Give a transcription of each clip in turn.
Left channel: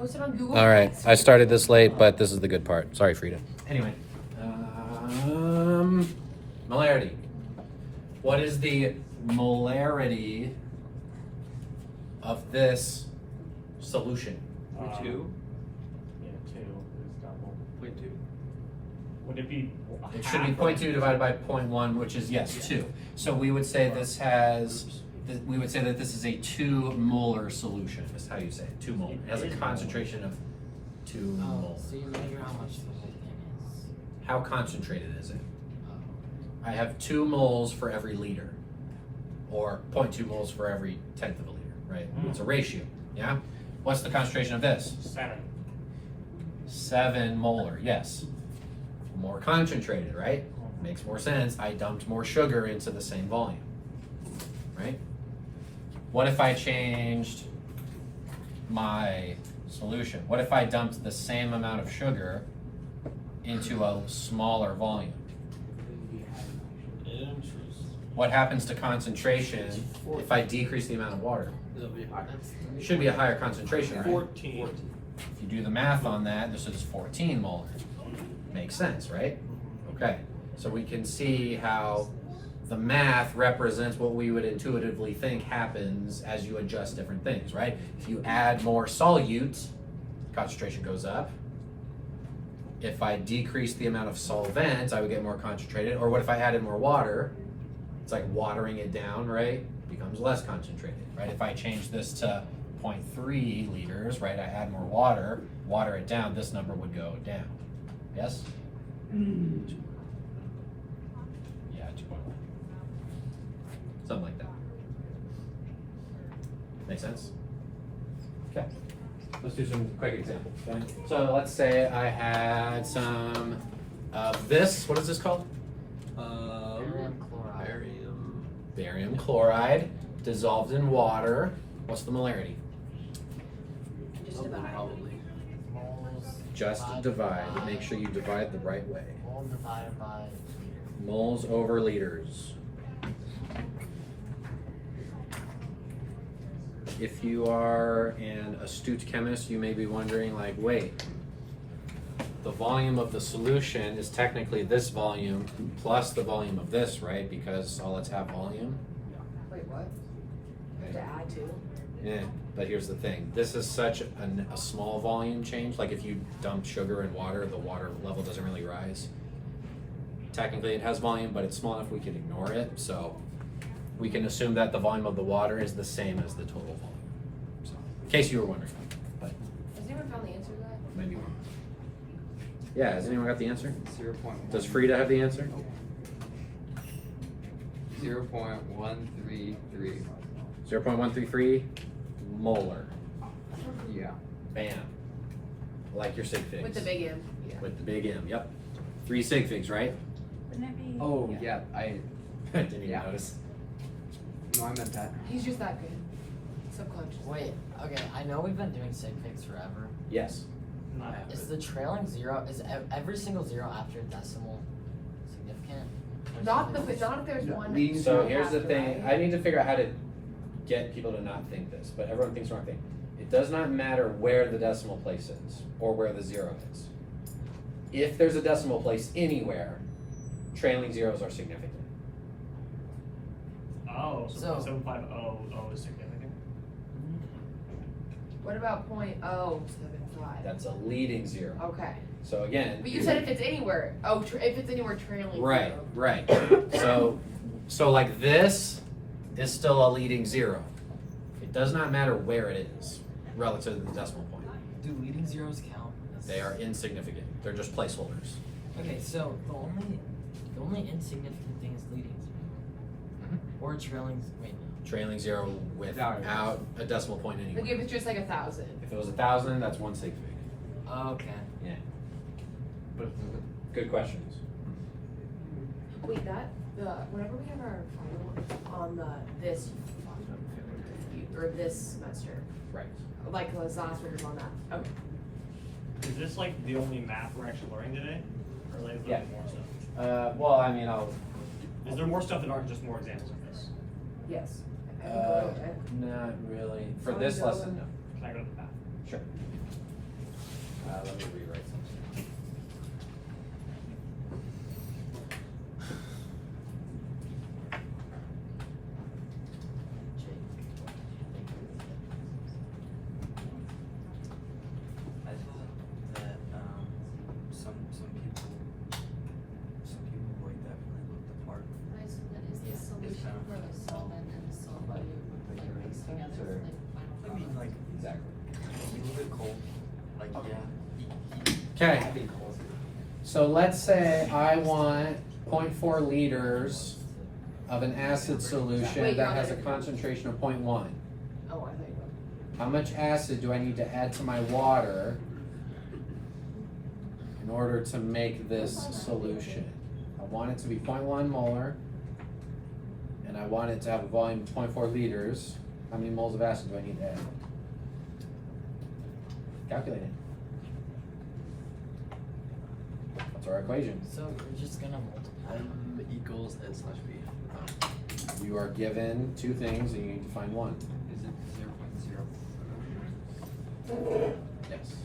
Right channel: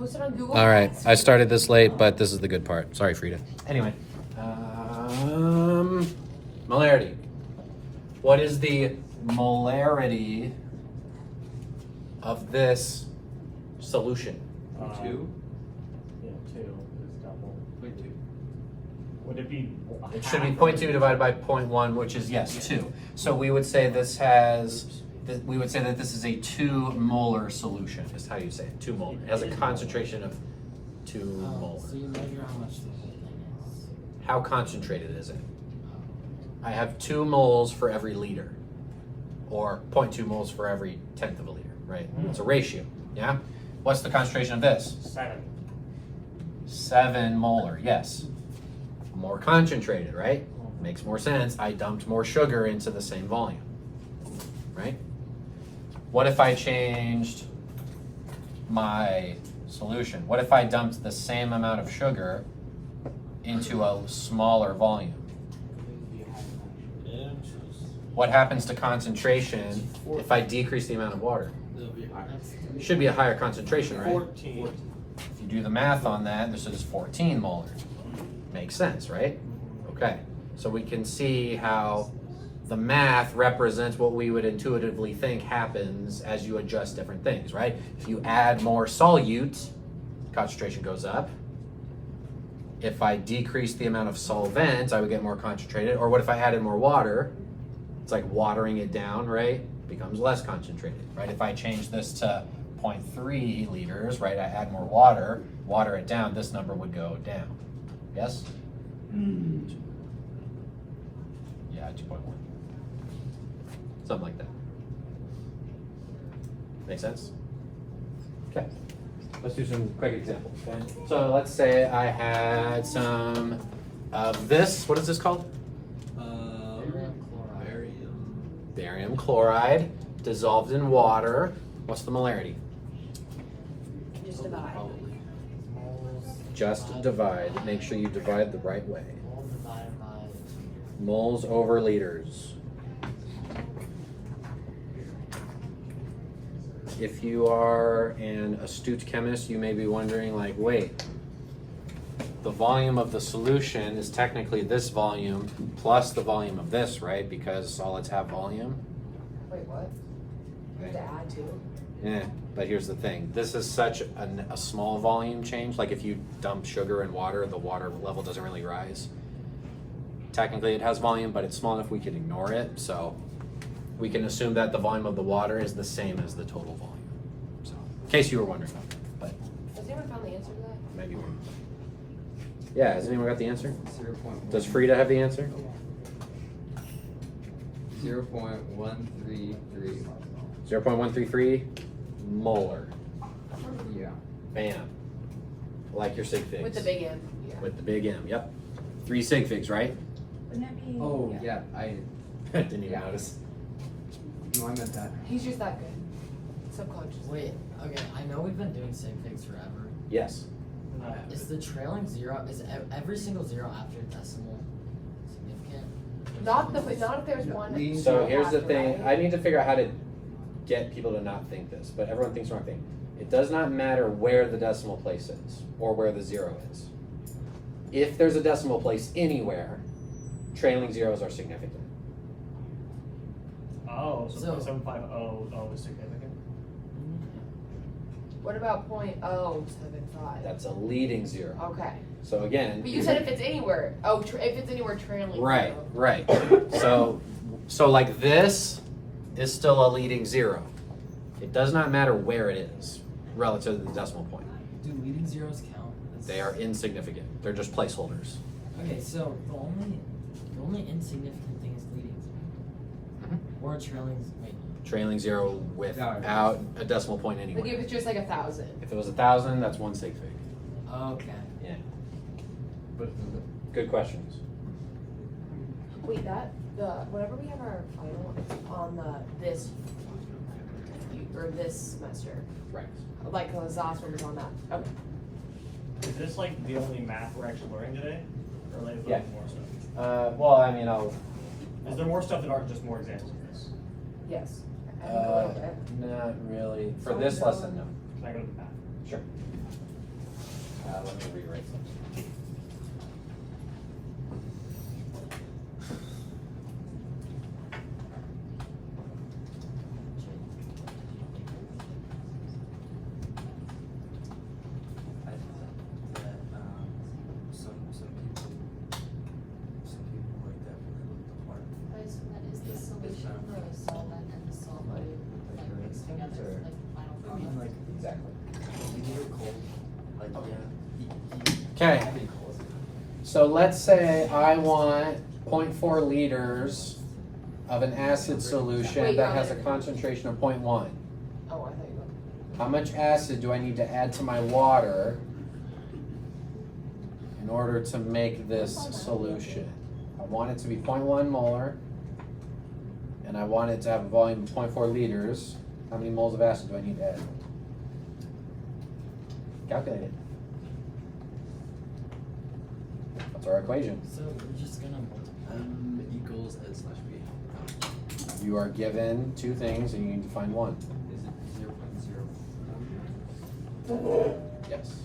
Posted on Google. All right, I started this late, but this is the good part. Sorry, Frida. Anyway, molarity. What is the molarity of this solution? 2? Yeah, 2 is double. 0.2. Would it be? It should be 0.2 divided by 0.1, which is, yes, 2. So we would say this has, we would say that this is a 2 molar solution, is how you say it, 2 molar. It has a concentration of 2 molar. So you measure how much the whole thing is. How concentrated is it? I have 2 moles for every liter, or 0.2 moles for every tenth of a liter, right? It's a ratio, yeah? What's the concentration of this? 7. 7 molar, yes. More concentrated, right? Makes more sense. I dumped more sugar into the same volume, right? What if I changed my solution? What if I dumped the same amount of sugar into a smaller volume? What happens to concentration if I decrease the amount of water? It should be a higher concentration, right? 14. If you do the math on that, this is 14 molar. Makes sense, right? Okay, so we can see how the math represents what we would intuitively think happens as you adjust different things, right? If you add more solute, concentration goes up. If I decrease the amount of solvent, I would get more concentrated. Or what if I added more water? It's like watering it down, right? Becomes less concentrated, right? If I change this to 0.3 liters, right? I add more water, water it down, this number would go down. Yes? Yeah, 2.1. Something like that. Make sense? Okay. Let's do some quick examples. Okay? So let's say I had some of this. What is this called? Barium chloride dissolved in water. What's the molarity? Just divide. Just divide. Make sure you divide the right way. All divided by. Moles over liters. If you are an astute chemist, you may be wondering, like, wait, the volume of the solution is technically this volume plus the volume of this, right? Because solids have volume. Wait, what? Okay. To add to? Yeah, but here's the thing. This is such a small volume change. Like if you dump sugar in water, the water level doesn't really rise. Technically it has volume, but it's small enough we can ignore it. So we can assume that the volume of the water is the same as the total volume. So, in case you were wondering. But Has anyone found the answer to that? maybe we're... Yeah, has anyone got the answer? 0.1. Does Frida have the answer? 0.133. 0.133 molar. Yeah. Bam. Like your sig figs. With the big M. Yeah. With the big M, yep. 3 sig figs, right? Wouldn't it be? Oh, yeah. Didn't even Yeah. notice. No, I meant that. He's just that good. Subconscious. Wait, okay, I know we've been doing sig figs forever. Yes. Is the trailing zero, is every single zero after decimal significant? Not if there's one. leading So to here's the after, thing, right? I need to figure out how to get people to not think this, but everyone thinks the wrong thing. It does not matter where the decimal place is or where the zero is. If there's a decimal place anywhere, trailing zeros are significant. Oh, so So- 0.750 is significant. What about .075? That's a leading zero. Okay. So again. But you said if it's anywhere. Oh, if it's anywhere trailing. Right, zero. right. So like this is still a leading zero. It does not matter where it is relative to the decimal point. Do leading zeros count? They are insignificant. They're just placeholders. Okay, so the only insignificant thing is leading zero. Or trailing, wait. Trailing zero without a decimal point Like anywhere. if it's just like 1,000. If it was 1,000, that's 1 sig fig. Okay. Yeah. But good questions. Wait, whenever we have our final on this semester, Right. like the last one was on that. Okay. Is this like the only math we're actually learning today, or like is there Yeah. more stuff? Well, I mean, Is there more stuff that aren't just more examples of this? Yes. not really. For this lesson, no. Can I go to the math? Sure. let me rewrite something. I thought that some people like that really looked apart. That is the solution for the solvent and the solvent, like mixed together Or- for the final I mean, product. like, Exactly. you leave it cold, like, yeah. Okay. I think cold. So let's say I want 0.4 liters of an acid solution Wait, that no, has a no. concentration of 0.1. Oh, I thought you were. How much acid do I need to add to my water in order to make this solution? I want it to be 0.1 molar, and I want it to have a volume of 0.4 liters. How many moles of acid do I need to add? Calculate it. What's our equation? So we're just gonna multiply. M equals N slash B. You are given two things and you need to find one. Is it 0.0? Yes.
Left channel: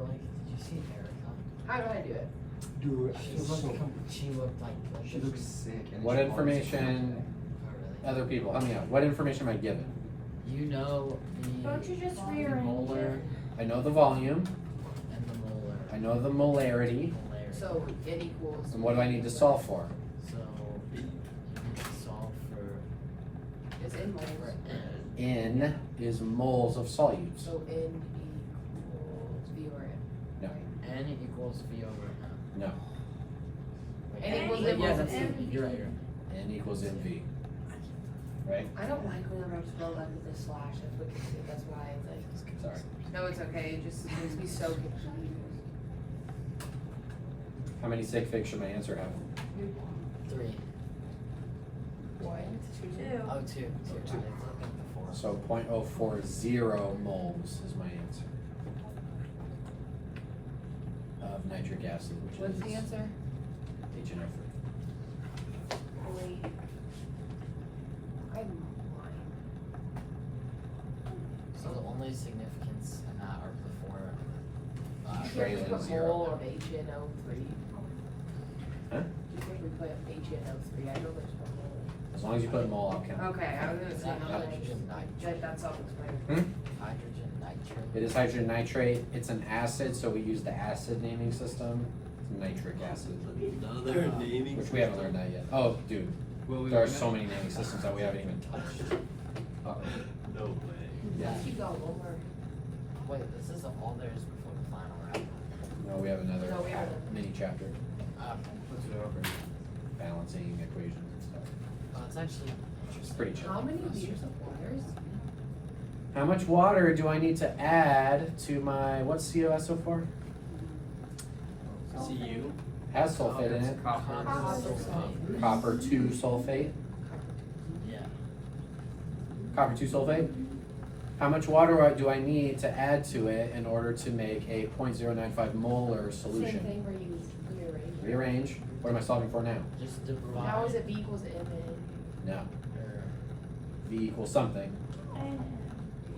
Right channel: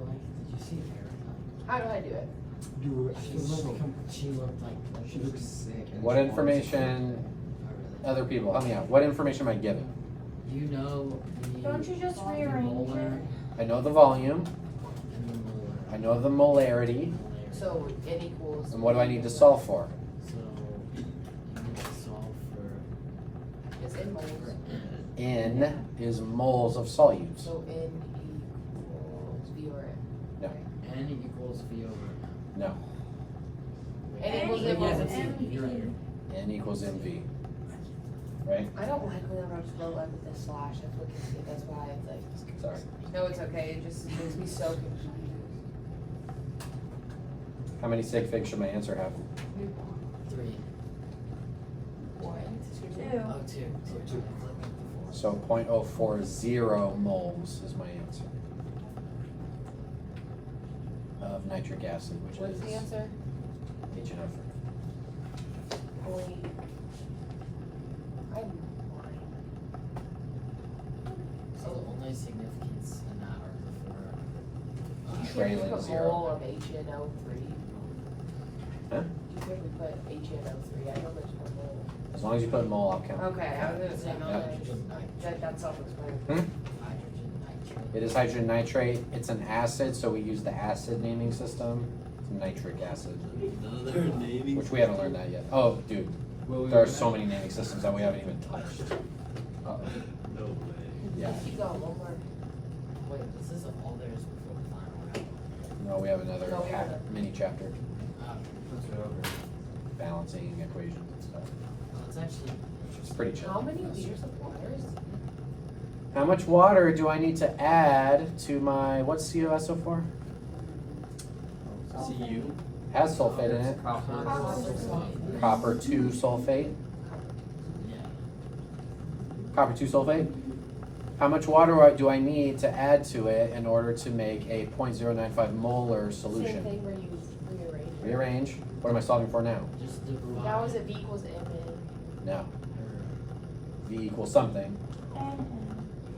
Like, did you see Erica? How do I do it? Dude, She looked like. she looks sick. And What she information, Oh, really? other people, help me out. What information am I given? You know the. Don't you just rearrange molar it? I know the volume, and the molar. I know the molarity, So it equals. and what do I need to solve for? So you need to solve for Is in molar. N is moles of solutes. So N equals V or M. No. N equals V over M. No, And it was- Yeah, it was that's it. MV. You're right. N equals MV. Right? I don't like when I'm spelled up with this slash, if we can see, that's why it's like. Sorry. No, it's okay, it just makes me so confused. How many sig figs should my answer have? 3. One, two. Oh, 2. 2. I was looking at the 4. So 0.040 moles is my answer. Of nitric acid, which What's is the answer? HNO3. Point. I'm lying. So the only significance in that are the 4. You Greater can't than put zero. mole of HNO3. Huh? You think we put HNO3, I know there's one more. As long as you put mole, I'll count. Okay, I was gonna say, Hydrogen nitrate. that sounds weird. Hydrogen nitrate. It is hydrogen nitrate. It's an acid, so we use the acid naming system. It's nitric acid, Another naming. which we haven't learned that yet. Oh, dude, Will we there are learn so that? many naming systems that we haven't even touched. Uh-oh. No way. Yeah. Keep going, one more. Wait, this is all there is before the final round. No, we have another No, we have another. mini chapter, What's it over? balancing equations and stuff. It's actually It's pretty chill. How many liters of water is How much water do I need to add to my, what's COSO4? CU. Has sulfate in it. Copper. Copper 2 sulfate. Yeah. Copper 2 sulfate. How much water do I need to add to it in order to make a 0.095 molar Same solution? thing where you rearrange. Rearrange. What am I solving for now? Just divide. How is it B equals to M No. or V equals something.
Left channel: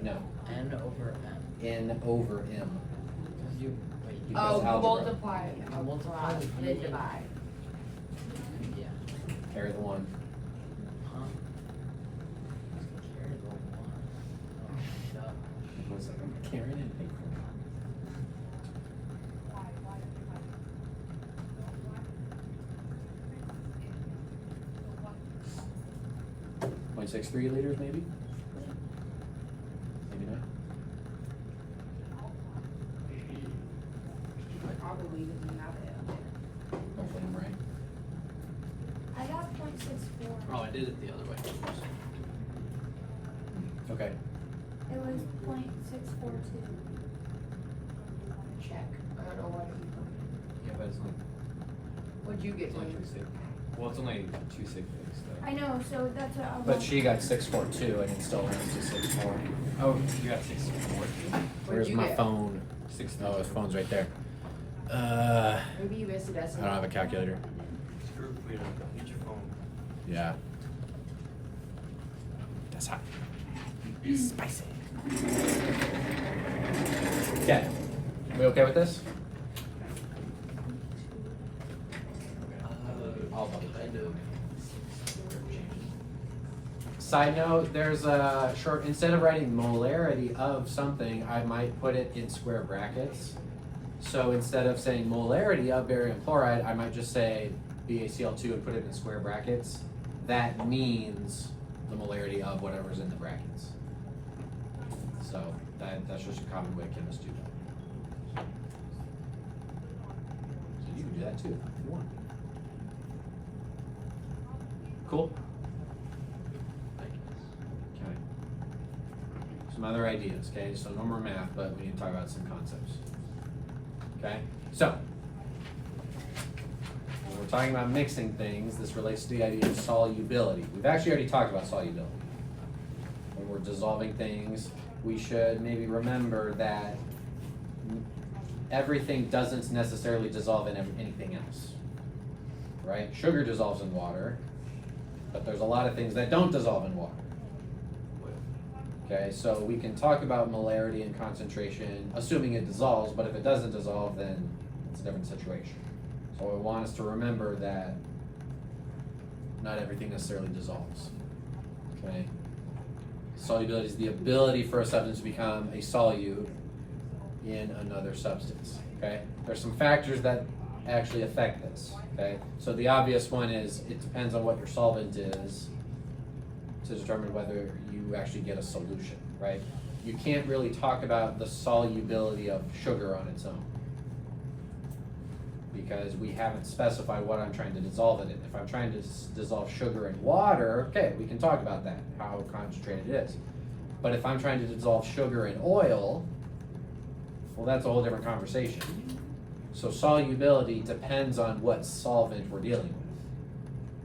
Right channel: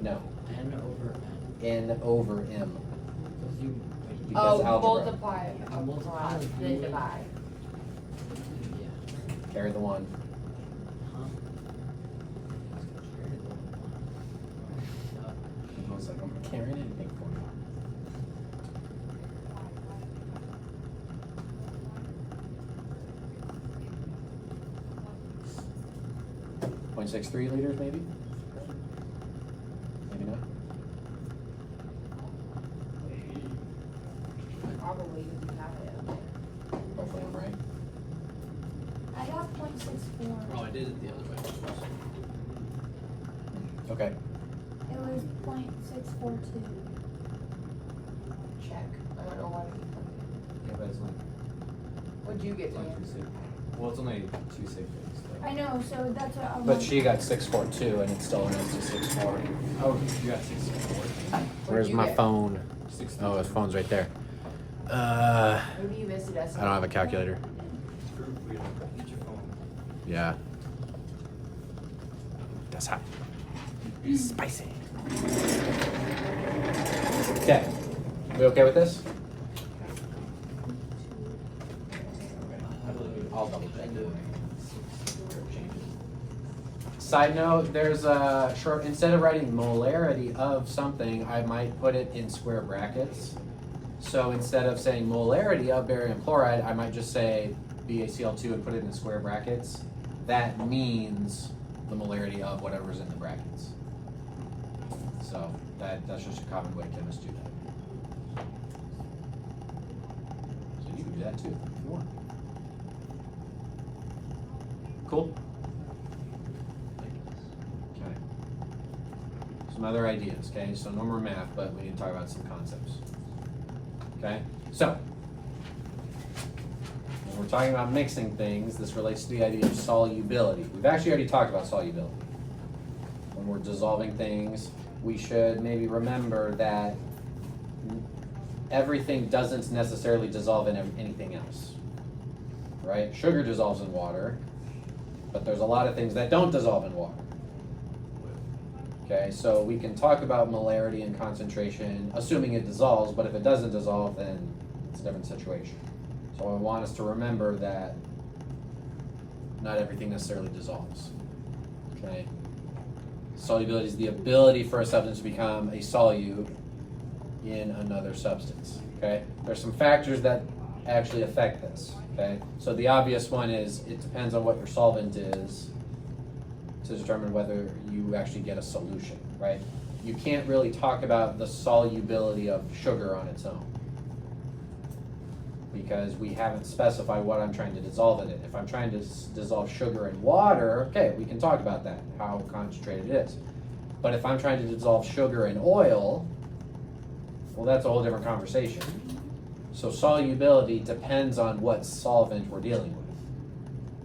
No. N over M. N over M. Because you wait. Because Oh, algebra. multiply. Multiply the V Then and- divide. Yeah. Carry the 1. Huh? Carry the one. Oh, duh. I was like, I'm not carrying anything for you. .63 liters, maybe? Maybe not. Probably didn't have it. Both of them, right? I got 0.64. Oh, I did it the other way. Okay. It was 0.642. Check. I don't know why people. Yeah, but it's only, What'd you get? it's only Taylor? 2 sig. Well, it's only 2 sig figs, I though. know, so that's what I'm. But she got 6.42 and it still runs to 6.4. Oh, you got 6 sig. Where's you my get? phone? 6. Oh, his phone's right there. Maybe you missed it. I don't have a calculator. True freedom. Get your phone. Yeah. That's hot. Spicy. Okay. We okay with this? I'll double check. Side note, there's a short, instead of writing molarity of something, I might put it in square brackets. So instead of saying molarity of barium chloride, I might just say BaCl2 and put it in square brackets. That means the molarity of whatever's in the brackets. So that's just a common way chemists do it. So you can do that too if you want. Cool? Okay. Some other ideas, okay? So no more math, but we need to talk about some concepts. Okay? So, when we're talking about mixing things, this relates to the idea of solubility. We've actually already talked about solubility. When we're dissolving things, we should maybe remember that everything doesn't necessarily dissolve in anything else. Right? Sugar dissolves in water, but there's a lot of things that don't dissolve in water. Okay, so we can talk about molarity and concentration, assuming it dissolves, but if it doesn't dissolve, then it's a different situation. So I want us to remember that not everything necessarily dissolves. Okay? Solubility is the ability for a substance to become a solute in another substance. Okay? There's some factors that actually affect this. Okay? So the obvious one is it depends on what your solvent is to determine whether you actually get a solution, right? You can't really talk about the solubility of sugar on its own because we haven't specified what I'm trying to dissolve it in. If I'm trying to dissolve sugar in water, okay, we can talk about that, how concentrated it is. But if I'm trying to dissolve sugar in oil, well, that's a whole different conversation. So solubility depends on what solvent we're dealing with.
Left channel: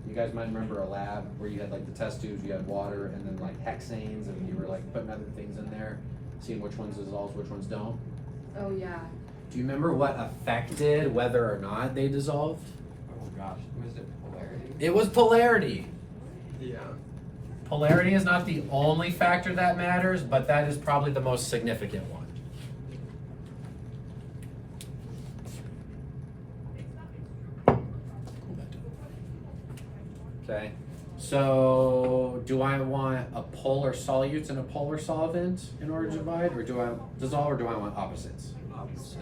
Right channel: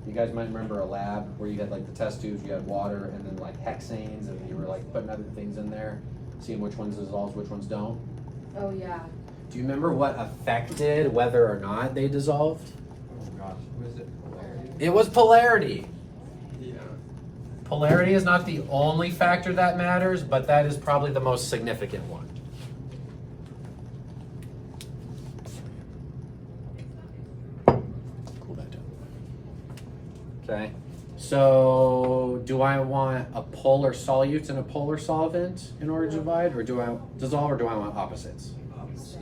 You guys might remember a lab where you had like the test tubes, you had water and then like hexanes and you were like putting other things in there, seeing which ones dissolve, which ones don't. Oh, yeah. Do you remember what affected whether or not they dissolved? Oh gosh, was it polarity? It was polarity. Yeah. Polarity is not the only factor that matters, but that is probably the most significant one. Okay, so do I want a polar solute and a polar solvent in order to divide, or do I dissolve, or do I want opposites? Opposite.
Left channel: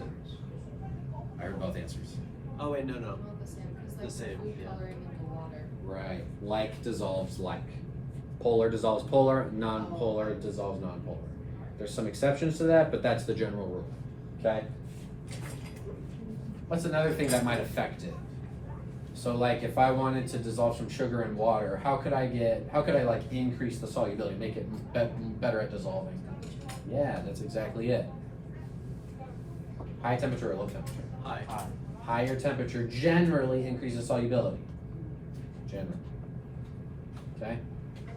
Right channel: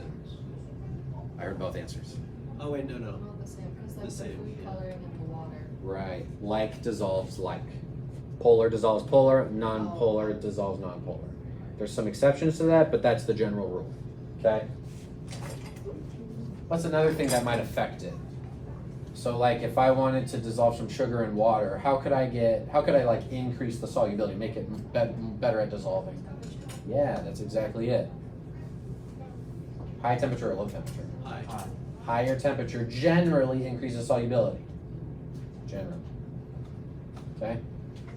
I heard both answers. Oh wait, no. Well, the same, because The that's same, food yeah. coloring in the water. Right, like dissolves like. Polar dissolves polar, non-polar dissolves non-polar. There's some exceptions to that, but that's the general rule, okay? What's another thing that might affect it? So like if I wanted to dissolve some sugar in water, how could I like increase the solubility, make it better at dissolving? Yeah, that's exactly it. High temperature or low temperature? High. Higher temperature generally increases solubility. Generally. Okay?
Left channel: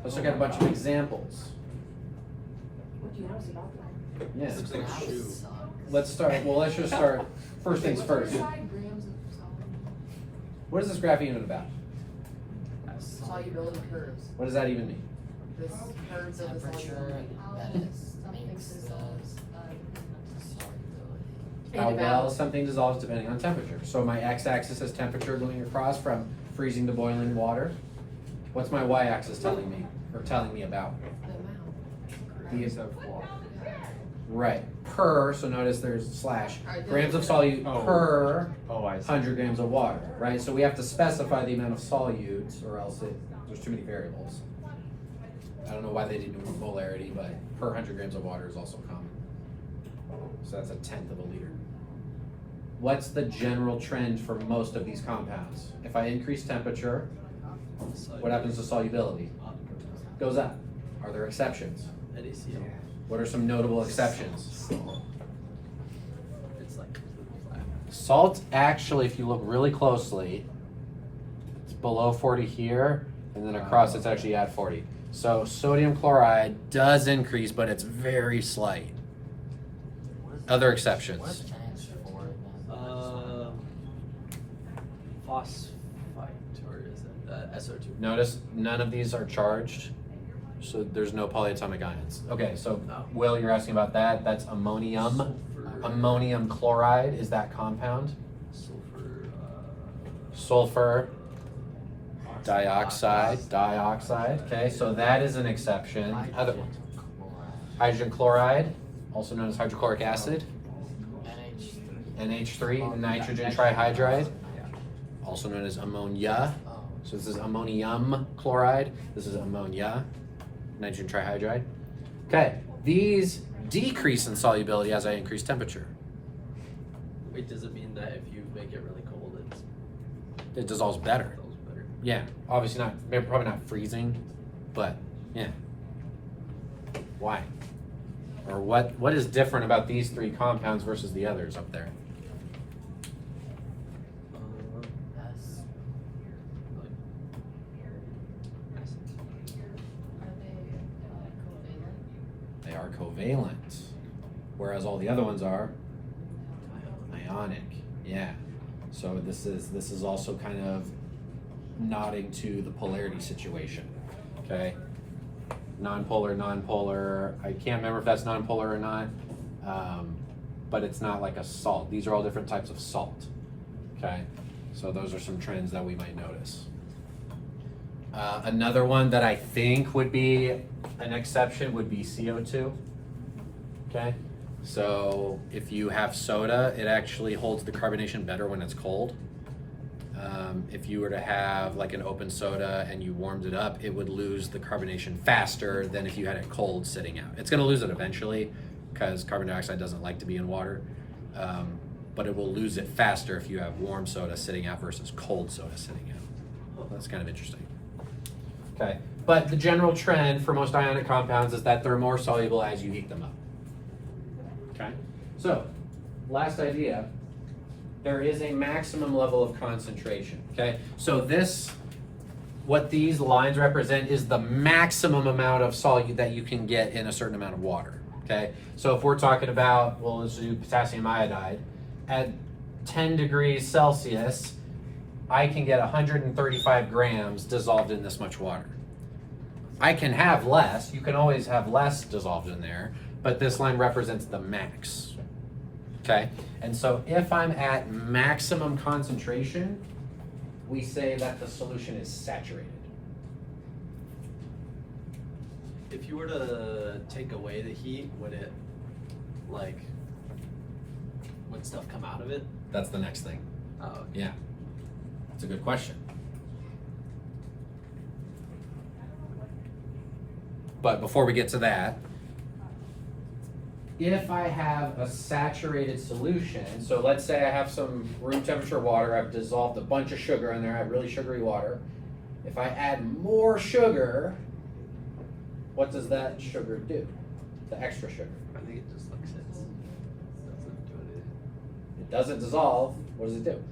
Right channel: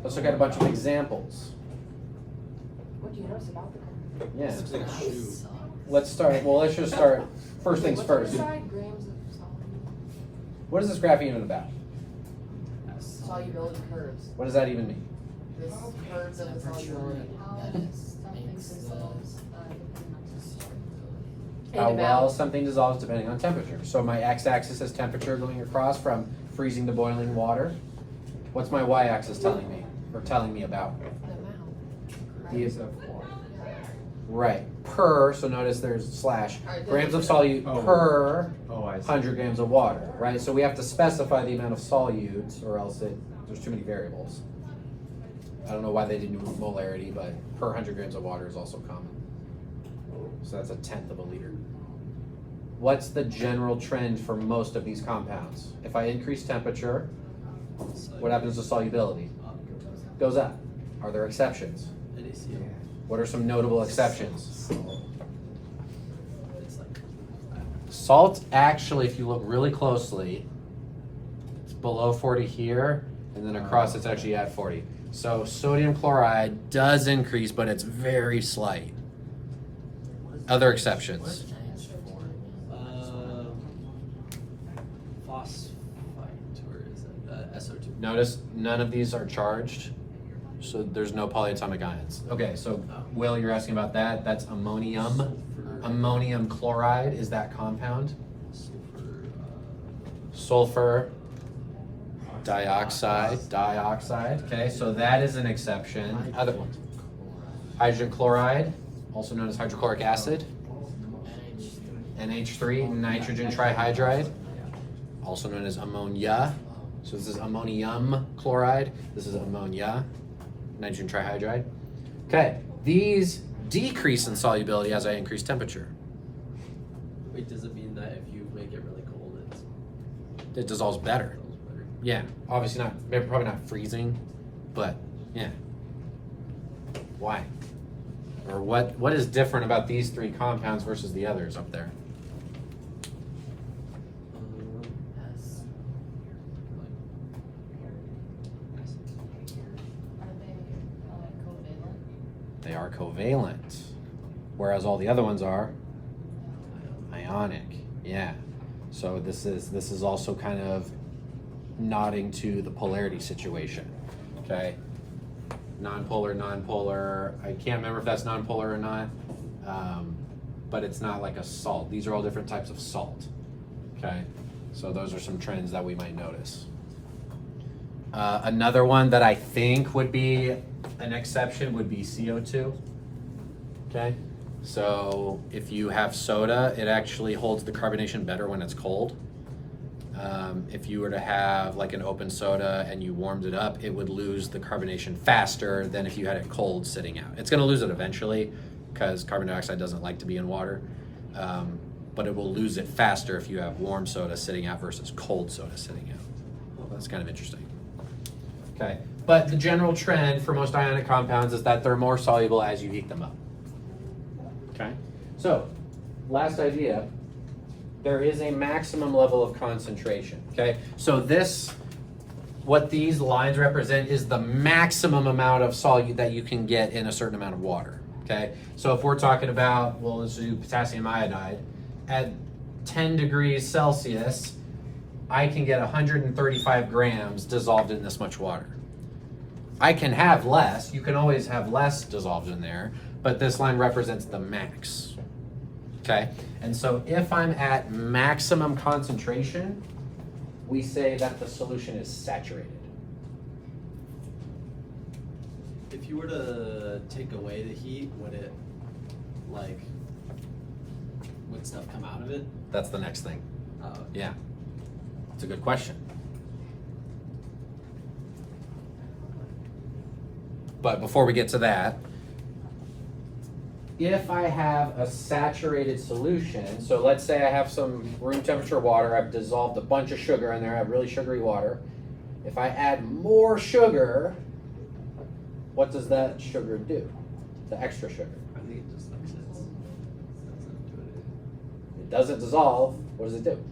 Let's look at a bunch of examples. What do you notice about that? Yeah. Looks like a shoe. Let's start. Well, let's just start. First things first. What is this graph even about? Solubility curves. What does that even mean? This curves of the solubility. How well something dissolves depending on temperature. So my x-axis is temperature going across from freezing to boiling water. What's my y-axis telling me, or telling me about? Grams of water. Right. Per, so notice there's slash, Alright, grams of solute Oh. per Oh, I see. 100 grams of water, right? So we have to specify the amount of solutes, or else there's too many variables. I don't know why they didn't do molarity, but per 100 grams of water is also common. So that's 1/10 of a liter. What's the general trend for most of these compounds? If I increase temperature, what happens to solubility? Goes up. Are there exceptions? What are some notable exceptions? Salt, actually, if you look really closely, it's below 40 here, and then across it's actually at 40. So sodium chloride does increase, but it's very slight. Other exceptions. Phosphite, or is it SO2? Notice none of these are charged, so there's no polyatomic ions. Okay, so Will, you're asking about that. That's ammonium Ammonium chloride is that compound. Sulfur. Sulfur dioxide. Okay, so that is an exception. Other ones. Hydrogen chloride, also known as hydrochloric acid. NH3, nitrogen trihydride, also known as ammonia. So this is ammonium chloride. This is ammonia, nitrogen trihydride. Okay, these decrease in solubility as I increase temperature. Wait, does it mean that if you make it really cold, It dissolves better. it feels better? Yeah, obviously not, probably not freezing, but yeah. Why? Or what is different about these three compounds versus the others up there? They are covalent, whereas all the other ones are ionic. Yeah. So this is also kind of nodding to the polarity situation. Okay. Non-polar. I can't remember if that's non-polar or not, but it's not like a salt. These are all different types of salt. Okay. So those are some trends that we might notice. Another one that I think would be an exception would be CO2. Okay. So if you have soda, it actually holds the carbonation better when it's cold. If you were to have like an open soda and you warmed it up, it would lose the carbonation faster than if you had it cold sitting out. It's going to lose it eventually because carbon dioxide doesn't like to be in water, but it will lose it faster if you have warm soda sitting out versus cold soda sitting out. Well, that's kind of interesting. Okay, but the general trend for most ionic compounds is that they're more soluble as you heat them up. Okay, so last idea. There is a maximum level of concentration, okay? So what these lines represent is the maximum amount of solute that you can get in a certain amount of water, okay? So if we're talking about, well, let's do potassium iodide, at 10 degrees Celsius, I can get 135 grams dissolved in this much water. I can have less, you can always have less dissolved in there, but this line represents the max. Okay, and so if I'm at maximum concentration, we say that the solution is saturated. If you were to take away the heat, would stuff come out of it? That's the next thing. Oh, okay. Yeah, it's a good question. But before we get to that, if I have a saturated solution, so let's say I have some room temperature water, I've dissolved a bunch of sugar in there, I have really sugary water. If I add more sugar, what does that sugar do? The extra sugar. I think it just sits. Doesn't do anything. It doesn't dissolve, what does it do?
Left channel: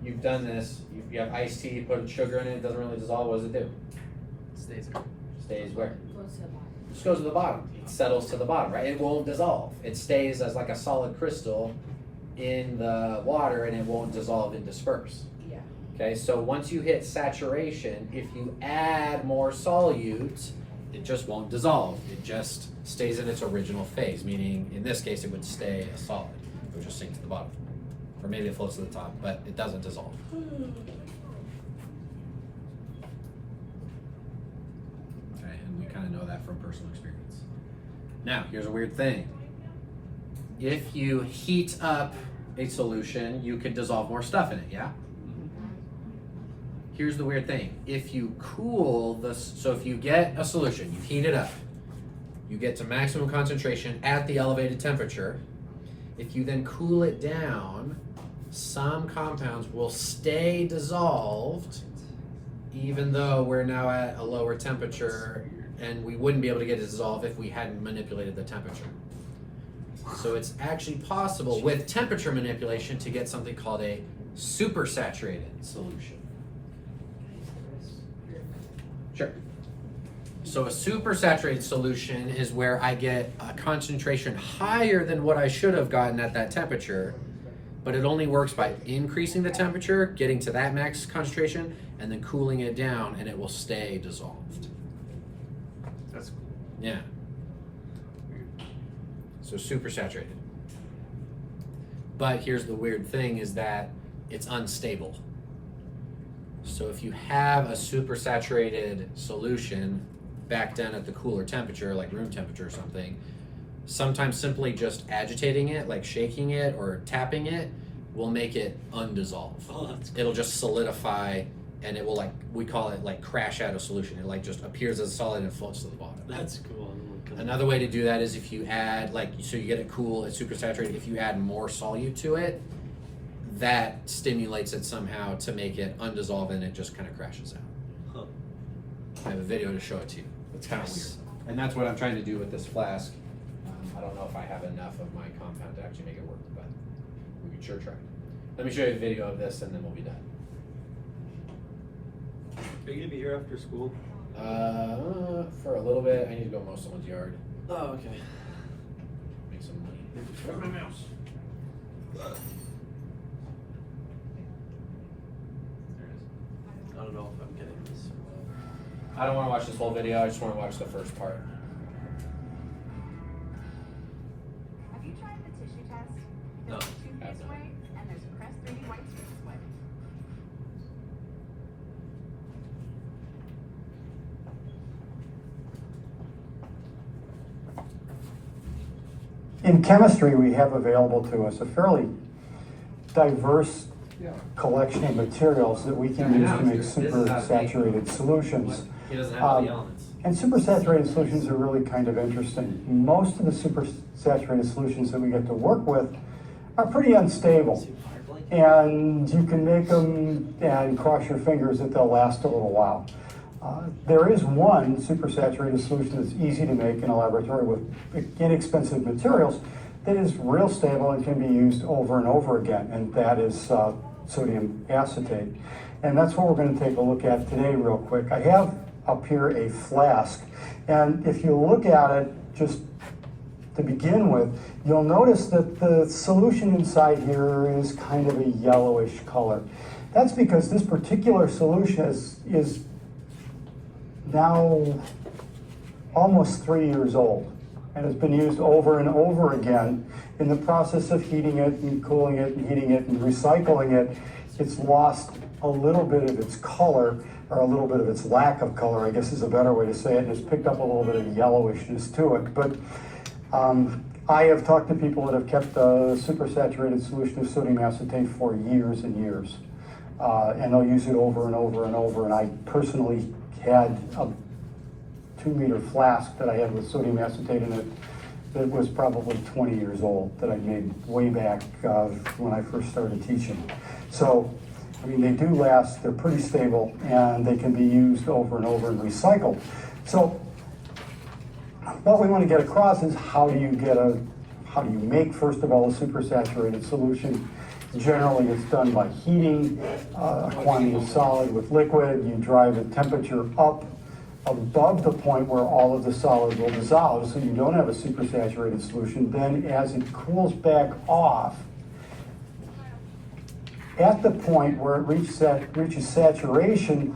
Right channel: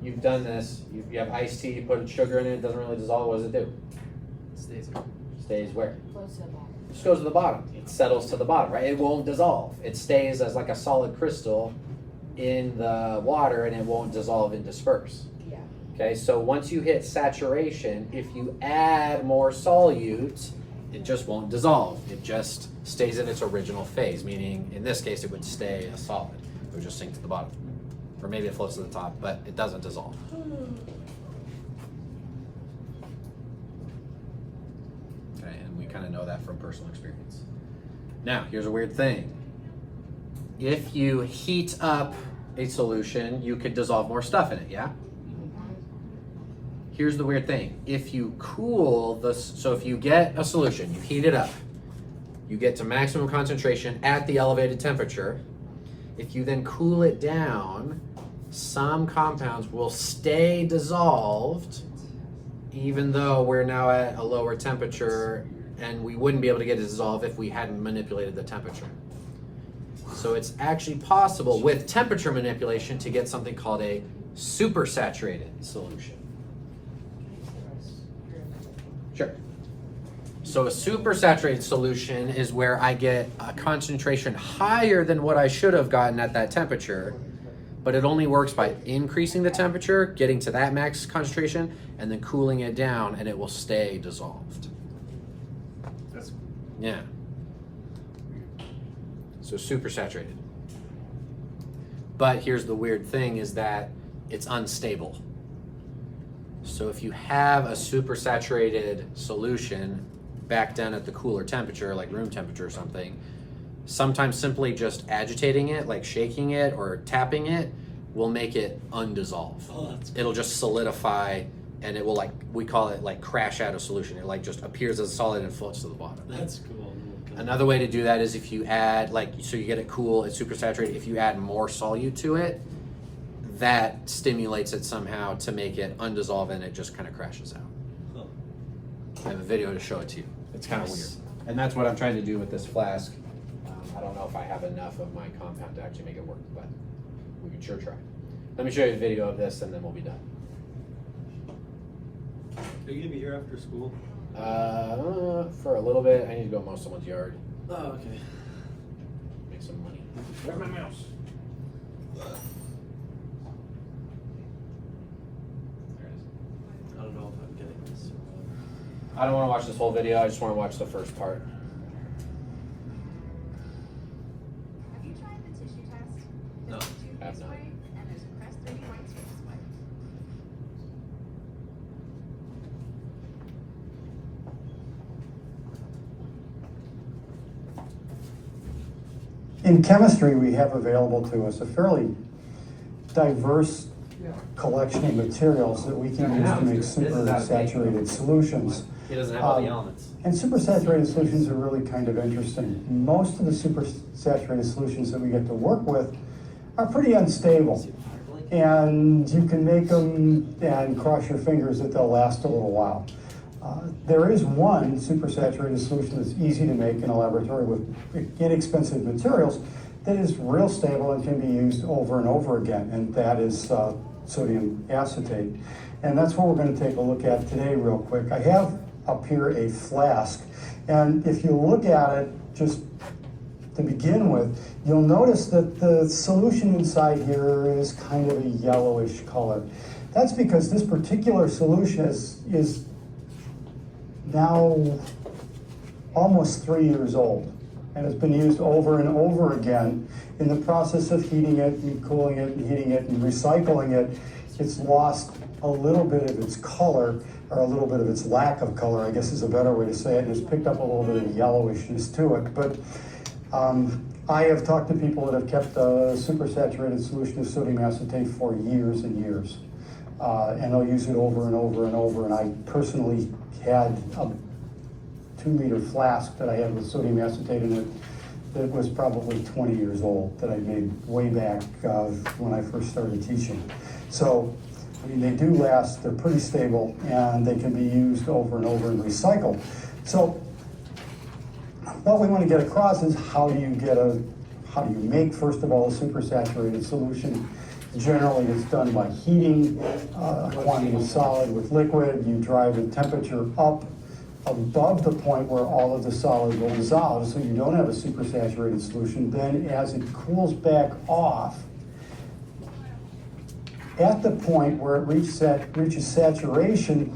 You've done this, you have iced tea, you put sugar in it, it doesn't really dissolve, what does it do? It stays there. Stays where? Close to the bottom. Just goes to the bottom. It settles to the bottom, right? It won't dissolve. It stays as like a solid crystal in the water and it won't dissolve and disperse. Yeah. Okay, so once you hit saturation, if you add more solute, it just won't dissolve. It just stays in its original phase, meaning in this case it would stay a solid. It would just sink to the bottom. Or maybe it floats to the top, but it doesn't dissolve. Kind of know that from personal experience. Now, here's a weird thing. If you heat up a solution, you could dissolve more stuff in it, yeah? Here's the weird thing. If you cool so if you get a solution, you heat it up, you get to maximum concentration at the elevated temperature. If you then cool it down, some compounds will stay dissolved even though we're now at a lower temperature, and we wouldn't be able to get it dissolved if we hadn't manipulated the temperature. So it's actually possible with temperature manipulation to get something called a supersaturated solution. Sure. So a supersaturated solution is where I get a concentration higher than what I should have gotten at that temperature, but it only works by increasing the temperature, getting to that max concentration, and then cooling it down, and it will stay dissolved. That's Yeah. So super saturated. But here's the weird thing is that it's unstable. So if you have a super saturated solution back down at the cooler temperature, like room temperature or something, sometimes simply just agitating it, like shaking it or tapping it, will make it undissolve. Oh, that's cool. It'll just solidify, and it will, like, we call it like crash out of solution. It like just appears as solid and floats to the bottom. That's cool. Another way to do that is if you add, like, so you get it cool, it's super saturated. If you add more solute to it, that stimulates it somehow to make it undissolve, and it just kind of crashes out. Huh. I have a video to show it to you. It's kind of weird. And that's what I'm trying to do with this flask. I don't know if I have enough of my compound to actually make it work, but we can sure try. Let me show you a video of this, and then we'll be done. Are you gonna be here after school? For a little bit, I need to go mow someone's yard, Oh, okay. make some money. Where's my mouse? I don't know if I'm getting this. I don't want to watch this whole video. I just want to watch the first part. Have you tried the tissue test? No. I have not. And there's a Crest 3D white surface wipe. In chemistry, we have available to us a fairly diverse collection of materials that we can use to make super saturated solutions. He doesn't have all the elements. And super saturated solutions are really kind of interesting. Most of the super saturated solutions that we get to work with are pretty unstable. And you can make them and cross your fingers that they'll last a little while. There is one supersaturated solution that's easy to make in a laboratory with inexpensive materials that is real stable and can be used over and over again, and that is sodium acetate. And that's what we're going to take a look at today real quick. I have up here a flask, and if you look at it just to begin with, you'll notice that the solution inside here is kind of a yellowish color. That's because this particular solution is now almost 3 years old and has been used over and over again. In the process of heating it and cooling it and heating it and recycling it, it's lost a little bit of its color, or a little bit of its lack of color, I guess is a better way to say it. It's picked up a little bit of yellowishness to it. But I have talked to people that have kept a supersaturated solution of sodium acetate for years and years. And they'll use it over and over and over. And I personally had a 2-liter flask that I had with sodium acetate in it that was probably 20 years old, that I made way back when I first started teaching. So, I mean, they do last, they're pretty stable, and they can be used over and over and recycled. So, what we want to get across is how do you make, first of all, a supersaturated solution. Generally, it's done by heating a quantity of solid with liquid. You drive the temperature up above the point where all of the solid will dissolve, so you don't have a supersaturated solution. Then as it cools back off, at the point where it reaches saturation,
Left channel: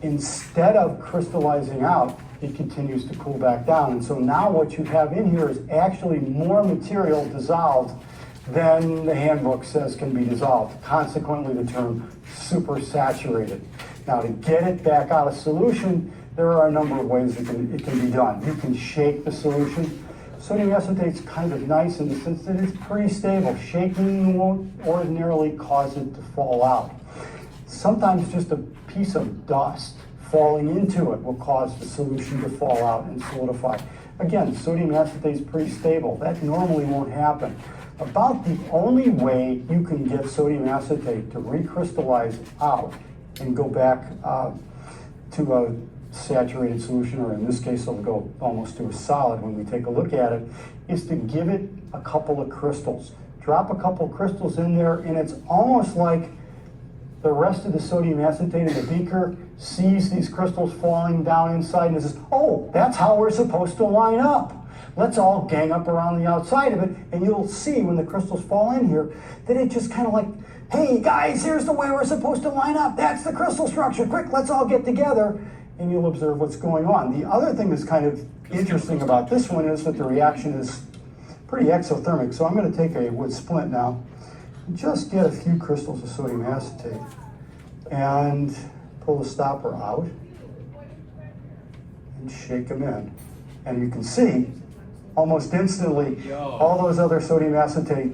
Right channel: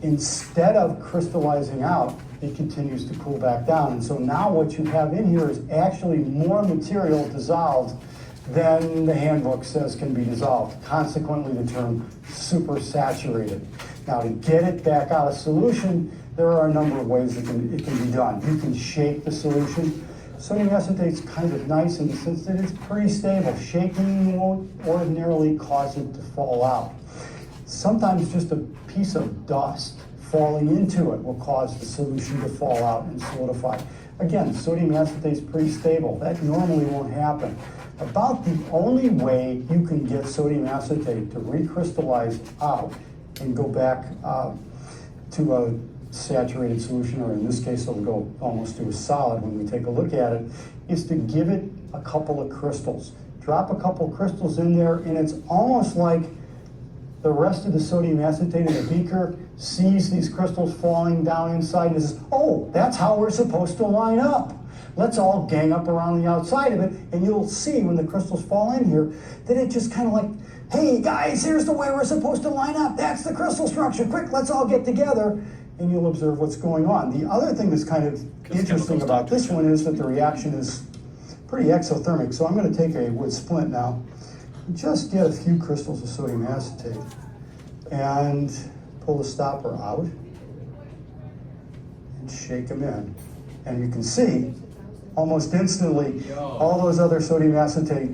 instead of crystallizing out, it continues to cool back down. And so now what you have in here is actually more material dissolved than the handbook says can be dissolved. Consequently, the term supersaturated. Now, to get it back out of solution, there are a number of ways it can be done. You can shake the solution. Sodium acetate's kind of nice in the sense that it's pretty stable. Shaking won't ordinarily cause it to fall out. Sometimes just a piece of dust falling into it will cause the solution to fall out and solidify. Again, sodium acetate's pretty stable. That normally won't happen. About the only way you can get sodium acetate to recrystallize out and go back to a saturated solution, or in this case it'll go almost to a solid when we take a look at it, is to give it a couple of crystals. Drop a couple of crystals in there, and it's almost like the rest of the sodium acetate in the beaker sees these crystals falling down inside and says, oh, that's how we're supposed to line up. Let's all gang up around the outside of it, and you'll see when the crystals fall in here that it just kind of like, hey guys, here's the way we're supposed to line up. That's the crystal structure. Quick, let's all get together, and you'll observe what's going on. The other thing that's kind of interesting about this one is that the reaction is pretty exothermic. So I'm going to take a wood splint now, just get a few crystals of sodium acetate, and pull the stopper out and shake them in. And you can see almost instantly all those other sodium acetate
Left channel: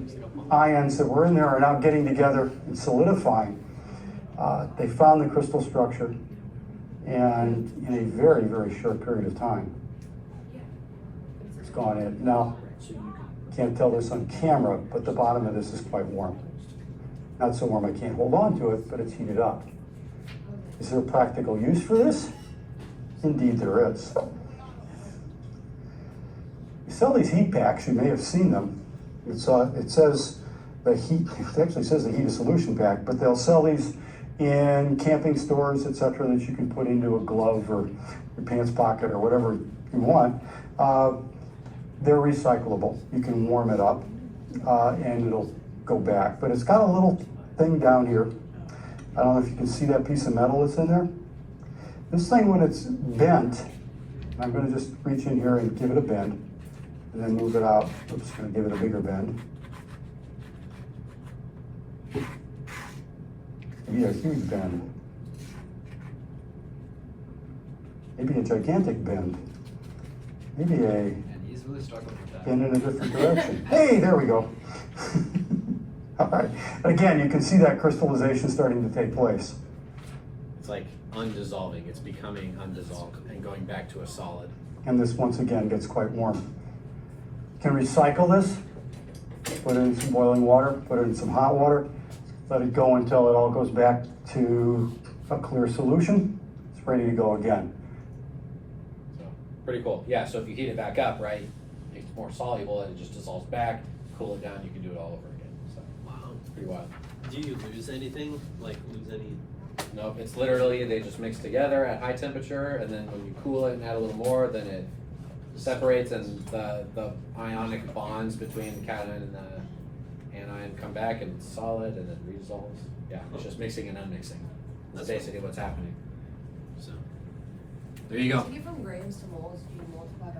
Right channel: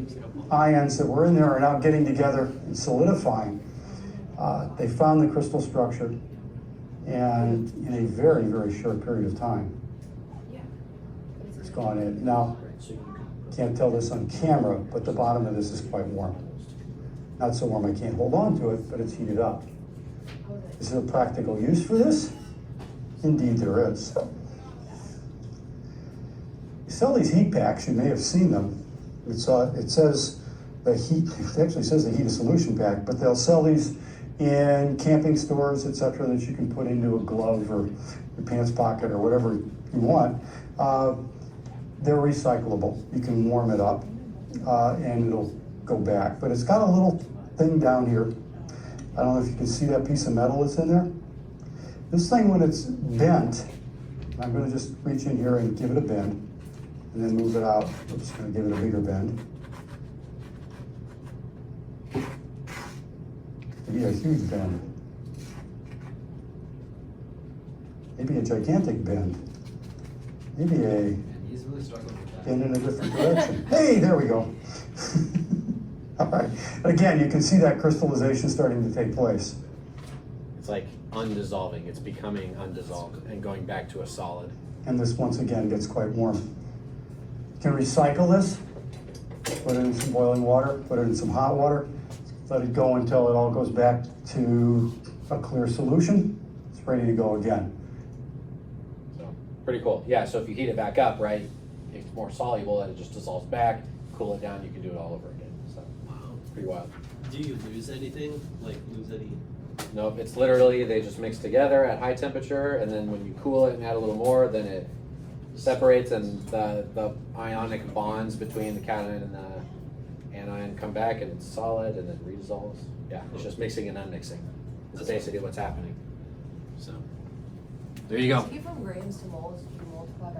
ions that were in there are now getting together and solidifying. They found the crystal structure, and in a very, very short period of time, it's gone in. Now, can't tell this on camera, but the bottom of this is quite warm. Not so warm I can't hold on to it, but it's heated up. Is there a practical use for this? Indeed there is. We sell these heat packs, you may have seen them. It says the heat, it actually says the heat of solution pack, but they'll sell these in camping stores, etc., that you can put into a glove or your pants pocket or whatever you want. They're recyclable. You can warm it up and it'll go back. But it's got a little thing down here. I don't know if you can see that piece of metal that's in there. This thing, when it's bent, I'm going to just reach in here and give it a bend and then move it out. We're just going to give it a bigger bend. Maybe a huge bend. Maybe a gigantic bend. Maybe a And he's really struggling with that. bend in a different direction. Hey, there we go. All right. Again, you can see that crystallization starting to take place. It's like undissolving. It's becoming undissolved and going back to a solid. And this, once again, gets quite warm. You can recycle this, put it in some boiling water, put it in some hot water, let it go until it all goes back to a clear solution. It's ready to go again. So pretty cool. Yeah, so if you heat it back up, right, it's more soluble and it just dissolves back, cool it down, you can do it all over again. So Wow. pretty wild. Do you lose anything? Like lose any? Nope, it's literally, they just mix together at high temperature, and then when you cool it and add a little more, then it separates and the ionic bonds between the cation and the anion come back and it's solid and then redissolves. Yeah, it's just mixing and unmixing. That's basically what's happening. So, there you go. So you from grains to moles, if you multiply by